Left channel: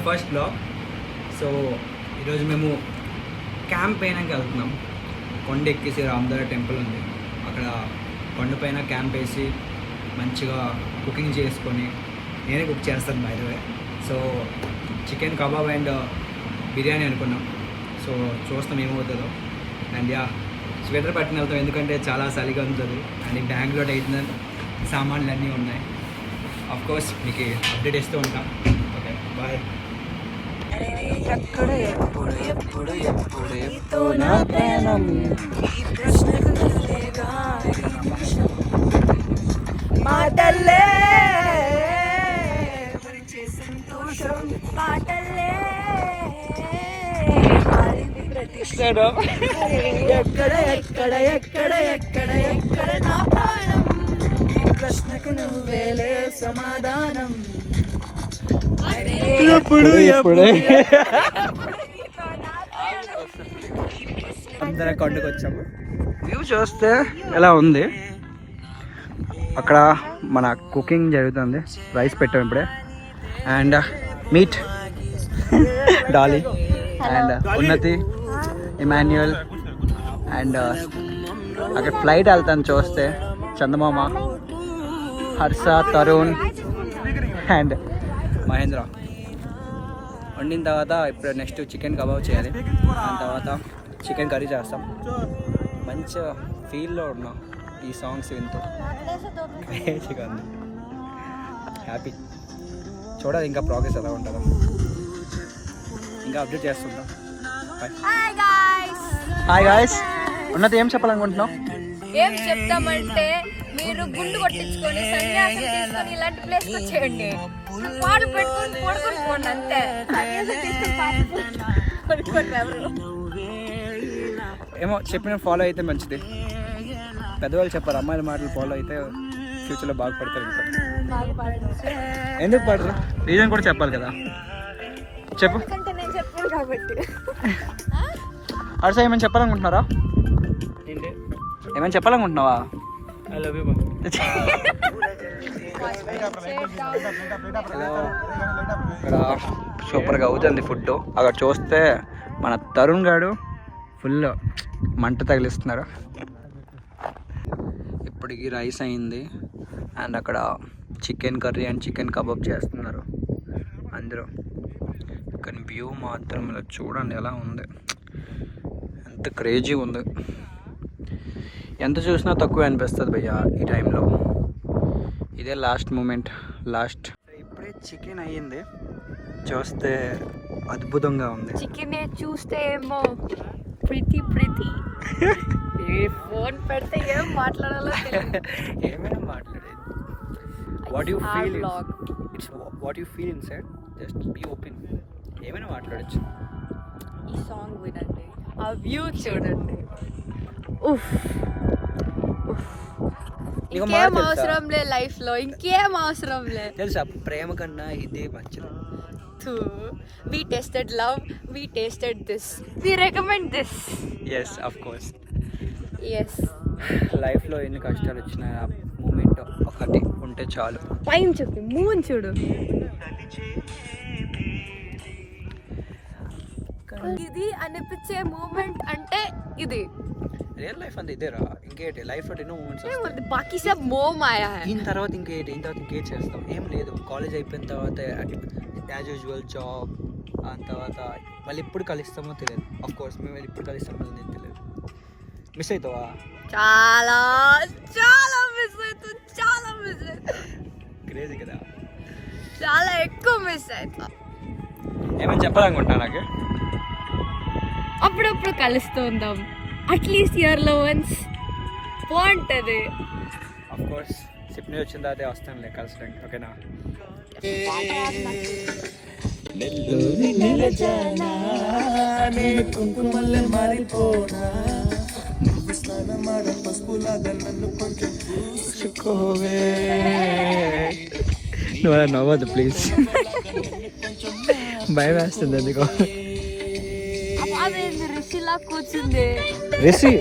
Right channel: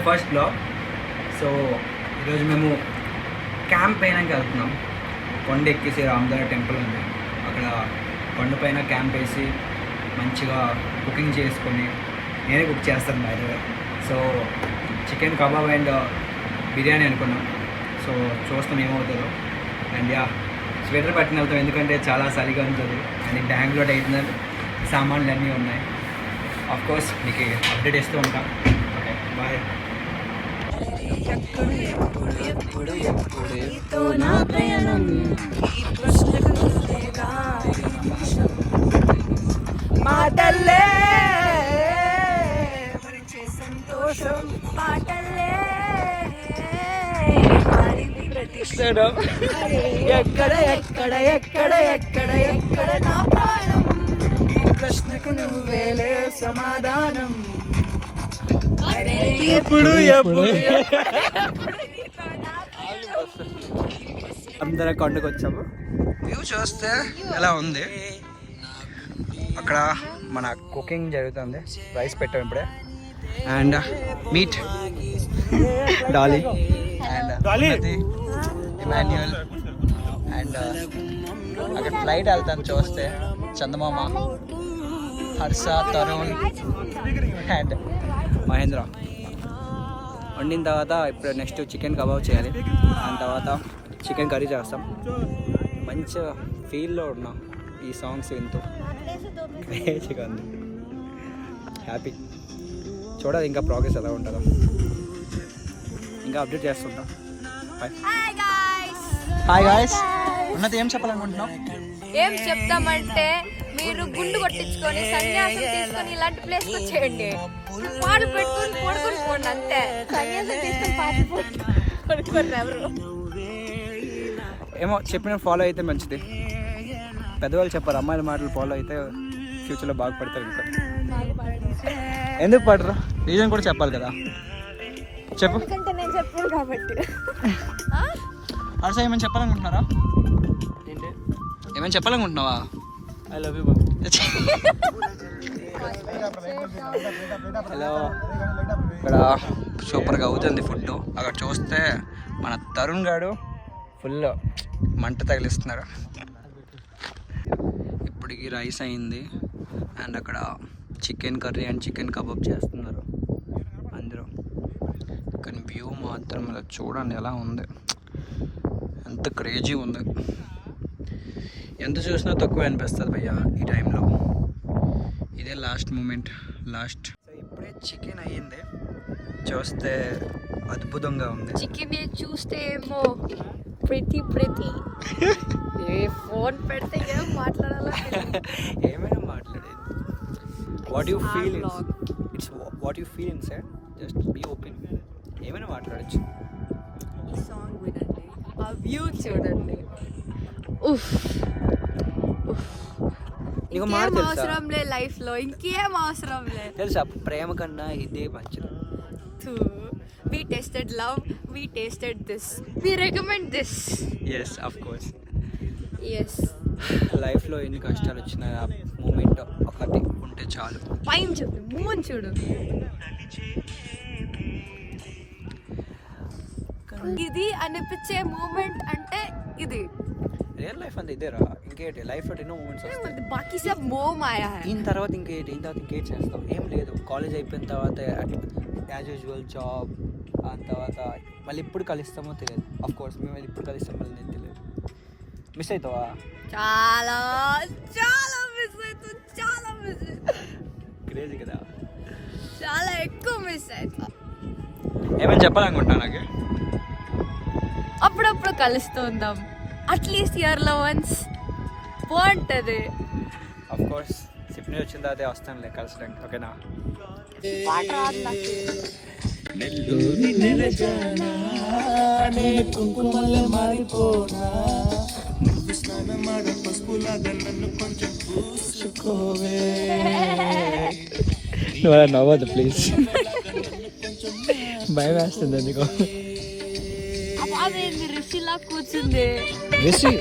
My first blog. So ఈరోజు మేము camp పైనకి వెళ్తున్నాం. కొండ ఎక్కేసి రామదార టెంపుల్ ఉంది, అక్కడ కొండ పైన క్యాంప్ వేసి మంచిగా కుకింగ్ చేసుకొని నేనే కుక్ చేస్తాను by the way. So chicken kebab and biryani అనుకున్నాం. సో చూస్తాం ఏమవుతుందో. అండ్ యా స్వెటర్ పట్టిన వెళ్తాం ఎందుకంటే చాలా చలిగా ఉంటుంది. అండ్ బ్యాంగ్లో అయితే సామాన్లు అన్నీ ఉన్నాయి. ఆఫ్ కోర్స్ మీకు అప్డేట్ ఇస్తూ ఉంటాం. Okay bye. మాటల్లే సంతోషం పాటల్లే ప్రతిష్టం ఎక్కడ ఎక్కడ ఎక్కడ ఎక్కడ ఎక్కడ నా ప్రాణం ఈ ప్రశ్నకు నువ్వేలే సమాధానం. అందరం కొండకు వచ్చాము. వ్యూ చూస్తే ఎలా ఉంది, అక్కడ మన కుకింగ్ జరుగుతుంది. రైస్ పెట్టాం ఇప్పుడే. And meet Dolly and Unnati, Emmanuel and అక్కడ ఫ్లైట్ వెళ్తాను చూస్తే చందమామ, హర్ష, తరుణ్ అండ్ మహేంద్ర. వండిన తర్వాత ఇప్పుడు నెక్స్ట్ చికెన్ కబాబ్ చేయాలి. దాని తర్వాత చికెన్ కర్రీ చేస్తాం. మంచి ఫీల్లో ఉన్నాం ఈ సాంగ్స్ వింటూ. క్రేజీగా ఉంది, హ్యాపీ. చూడాలి ఇంకా ప్రోగ్రెస్ ఎలా ఉంటుందో, ఇంకా అప్డేట్ చేస్తుంటాం. Hi guys. ఉన్నది ఏం చెప్పాలనుకుంటున్నాం? ఏం చెప్తామంటే మీరు గుండు కొట్టించుకొని సన్యాసం తీసుకొని ఇలాంటి ప్లేస్ వచ్చేయండి, పాటలు పెట్టుకొని పడుకొని పోండి అంతే. పడుకోండి ఎవరు. ఏమో చెప్పిన ఫాలో అయితే మంచిది. పెద్దవాళ్ళు చెప్పారు అమ్మాయిల మాటలు ఫాలో అయితే ఫ్యూచర్లో బాగుపడతారు. ఇంకా ఎందుకు పడరు, రీజన్ కూడా చెప్పాలి కదా. చెప్పు. నేను చెప్పాను కాబట్టి. హర్ష ఏమైనా చెప్పాలనుకుంటున్నారా? ఏమైనా చెప్పాలనుకుంటున్నావా? I love you. హలో. ఇక్కడ సూపర్గా అవుతుంది ఫుడ్. అక్కడ చూస్తే మన తరుణ్ గారు ఫుల్ మంట తగిలిస్తున్నారు. ఇప్పటికి రైస్ అయింది అండ్ అక్కడ chicken curry and chicken kebab చేస్తున్నారు అందరూ. కానీ వ్యూ మాత్రం ఇలా చూడండి ఎలా ఉంది, ఎంత క్రేజీ ఉంది. ఎంత చూసినా తక్కువ అనిపిస్తుంది భయ్యా ఈ టైంలో. ఇదే లాస్ట్ మూమెంట్. ఇప్పుడే చికెన్ అయ్యింది, చూస్తే అద్భుతంగా ఉంది. చికెన్ చూస్తే ఏమో ప్రీతి ఏ ఫోన్ పెడితే ఏం మాట్లాడాలో ఏమైనా మాట్లాడేది. What you feel it's what you feel inside, just be open. ఏమైనా మాట్లాడచ్చు. ఈ సాంగ్ వినండి, ఆ వ్యూ చూడండి. ఇంకేం అవసరం లే లైఫ్ లో, ఇంకేం అవసరం లే. తెలుసా ప్రేమ కన్నా ఇదే మంచిది. We tasted love, we tasted this, we recommend this. Yes, of course. Yes. లైఫ్లో ఎన్ని కష్టాలు వచ్చినా ఆ మూమెంట్ ఒకటి ఉంటే చాలు. పైన చెప్పి మూన్ చూడు. ఇది అనిపించే మూమెంట్ అంటే ఇది రియల్ లైఫ్ అంతా ఇదేరా. ఇంకేంటి లైఫ్లో ఎన్నో మూమెంట్స్ వస్తాయి. బాకీ సబ్ మోమ్ ఆయా హై. దీని తర్వాత ఇంకేం చేస్తావు? ఏం లేదు. కాలేజ్ అయిపోయిన తర్వాత యాజ్ యూజువల్ జాబ్. దాని తర్వాత మళ్ళీ ఎప్పుడు కలుస్తామో తెలియదు. ఆఫ్ కోర్స్ మేము ఎప్పుడు కలుస్తామో నేను తెలియదు. మిస్ అవుతావా? చాలా చాలా మిస్ అవుతా, చాలా మిస్ అవుతా. క్రేజీ కదా, చాలా ఎక్కువ మిస్ అవుతా. ఏమని చెప్పాలనుకుంటున్నా నాకు? అప్పుడప్పుడు కలుస్తూ ఉందాం, అట్లీస్ట్ ఇయర్లో వన్స్. బాగుంటుంది. ఆఫ్ కోర్స్ సిప్ని వచ్చిన తర్వాత వస్తానులే కలుస్తాను. ఓకేనా? నువ్వు నవ్వద్దు ప్లీజ్, భయం వేస్తుంది ఎందుకో. అదేంది రిషిలా కూర్చుంది. రిషి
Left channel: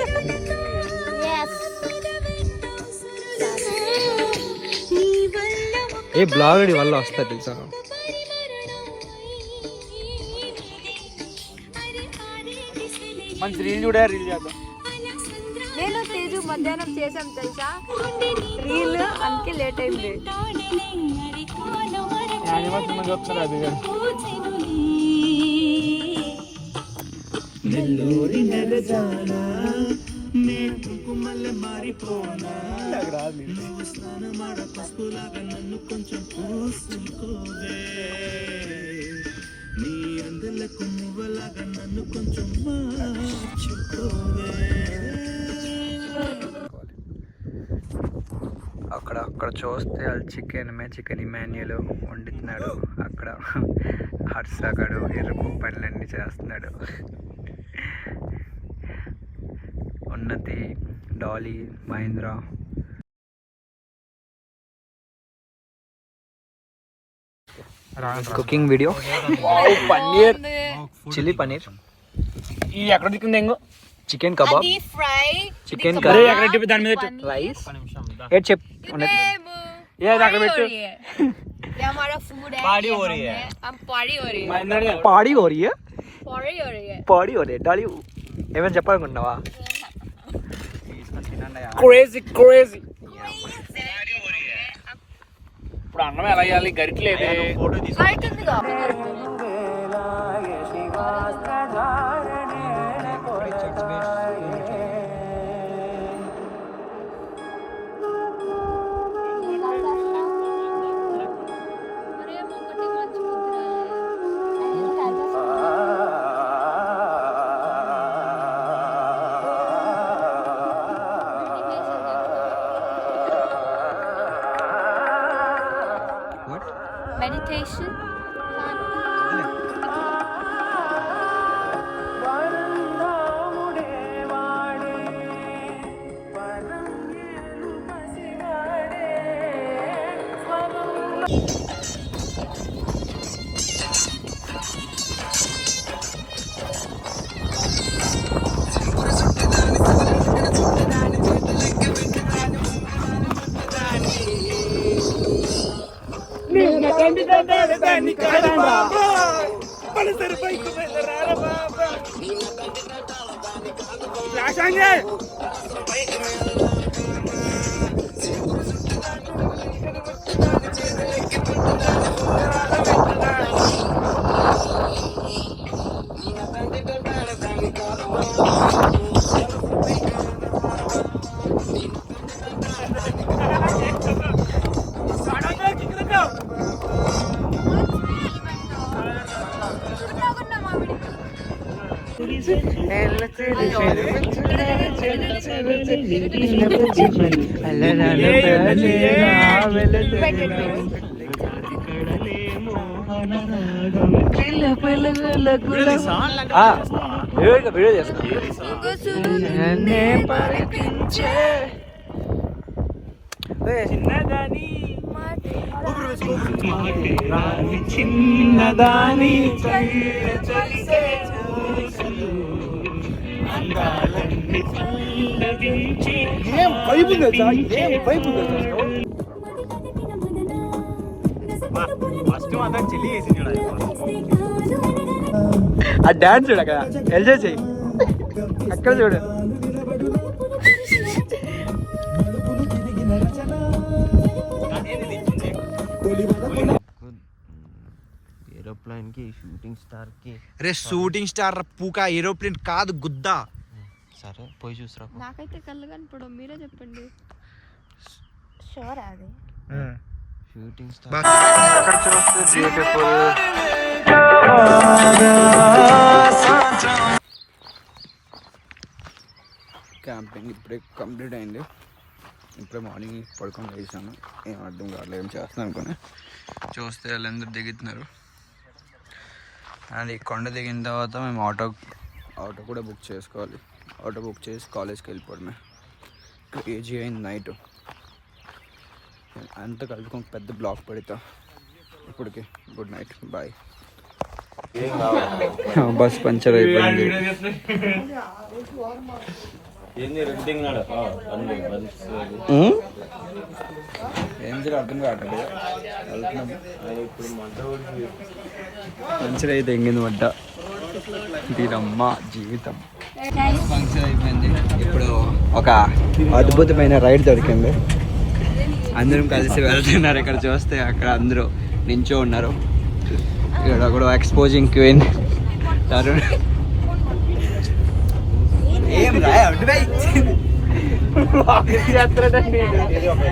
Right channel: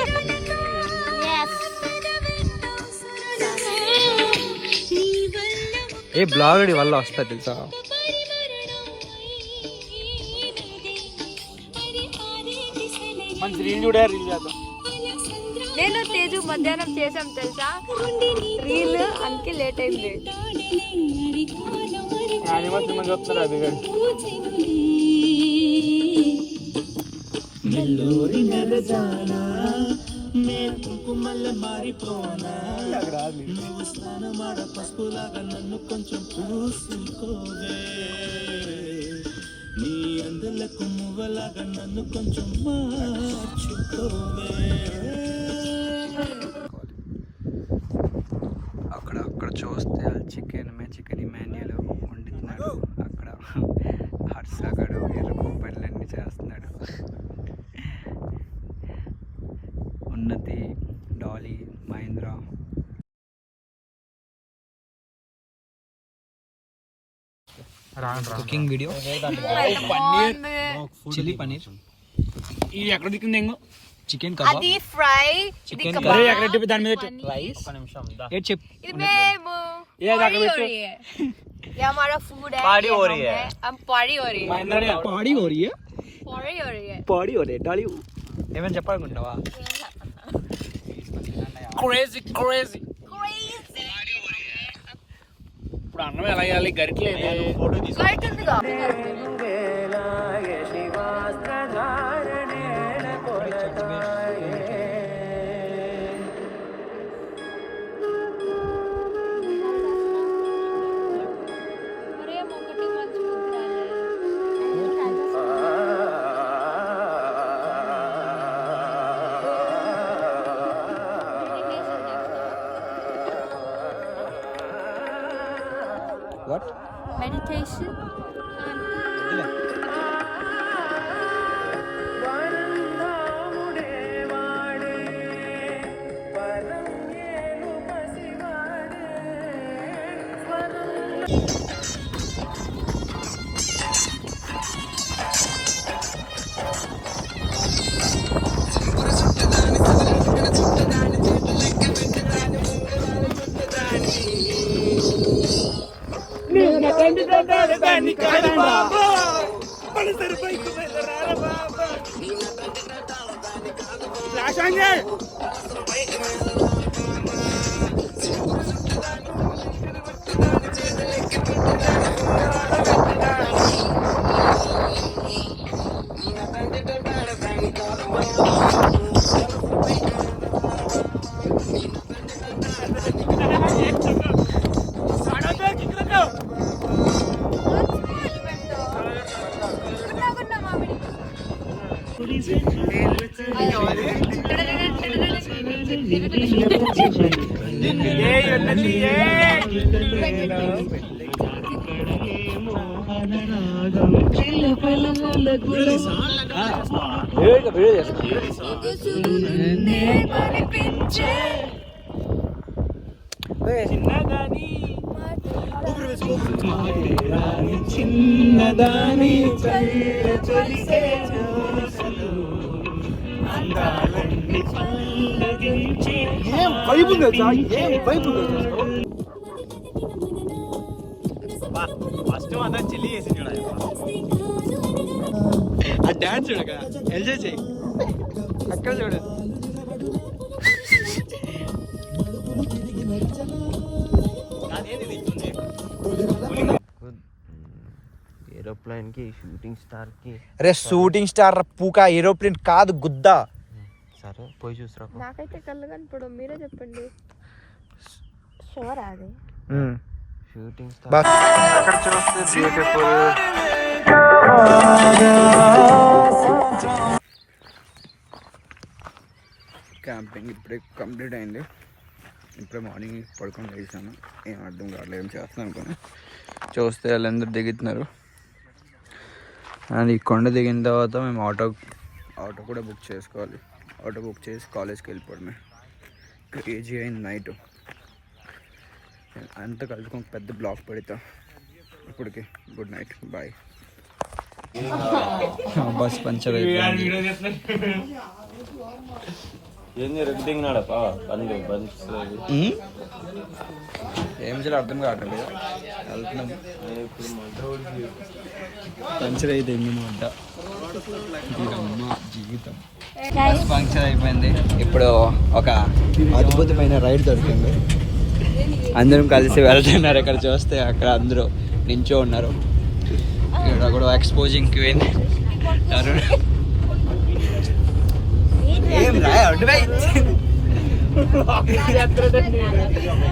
ఏ బ్లాగ్ వల్ల వస్తా తెలుసా? మంచి రీల్ చూడే రీల్ చేద్దాం. నేను తేజు మధ్యాహ్నం చేసాం తెలుసా రీల్, అందుకే లేట్ అయింది. అక్కడ చూస్తే చికెన్ ఇమాన్యుల్ వండుతున్నాడు. అక్కడ హర్షగాడు ఎరుపు పనులన్నీ చేస్తున్నాడు. Unnati, Dolly, Mahendra. Cooking video. Paneer, chilli paneer. ఈ ఎక్కడ దిక్కుంది ఎంగో chicken kebab, fry, chicken curry. ఎక్కడ దాని మీద రైస్. ఏ చెప్ हमारा फूड है, पार्टी हो रही है, हम पार्टी हो रही है, పాడి हो रही है, पार्टी हो रही है, పాడి हो रही है. డాలీ ఏమైనా చెప్పాలనుకుంటున్నావా? Crazy crazy. ఇప్పుడు అన్నం ఎలా వేయాలి? గరిటలేదే. What? Meditation. వీడియో చేస్తా. చిన్నదాని ఏం పైపు ఉందా? ఏం పైపు ఉందా? ఆ డాన్స్ చూడ అక్కడ ఎంజాయ్ చెయ్యి. అక్కడ చూడ. ఏరోప్లేన్ కి షూటింగ్ స్టార్ కి. అరే షూటింగ్ స్టార్ పూకా, ఏరోప్లేన్ కాదు గుద్దా. సరే పోయి చూసరా. నాకైతే కళ్ళు కనపడవు, మీరే చెప్పండి. షూర్ అది షూటింగ్ స్టార్. అక్కడ చూస్తే బ్యూటిఫుల్. క్యాంపింగ్ ఇప్పుడే కంప్లీట్ అయింది. ఇప్పుడే మార్నింగ్ పడుకొని వేసాను. ఏం అర్థం కావట్లేదు, ఏం చేస్తున్నాను అనుకుని చూస్తే వాళ్ళందరూ దిగుతున్నారు. అండ్ ఈ కొండ దిగిన తర్వాత మేము ఆటో కూడా బుక్ చేసుకోవాలి. ఆటో బుక్ చేసి కాలేజ్కి వెళ్ళిపోవడమే. క్రేజీ అయింది నైట్ అంతా కలుపుకొని పెద్ద బ్లాక్ పెడతా. ఇప్పటికి good night, bye. Bus puncture అయిపోయింది. ఏం చేయాలి అర్థం కావట్లేదు. వెళ్తున్నాము. పంచర్ అయితే ఎంగింది వంట. దీనమ్మ జీవితం. బస్ ఫంక్షన్ అయిపోయింది. ఇప్పుడు ఒక అద్భుతమైన రైడ్ దొరికింది. అందరం కలిసి వెళ్తున్నారు. ఇక్కడ చూస్తే అక్కడ అందరూ నించో ఉన్నారు. ఇక్కడ కూడా ఎక్స్పోజింగ్ క్వీన్ తరుణ్. ఏం రాయ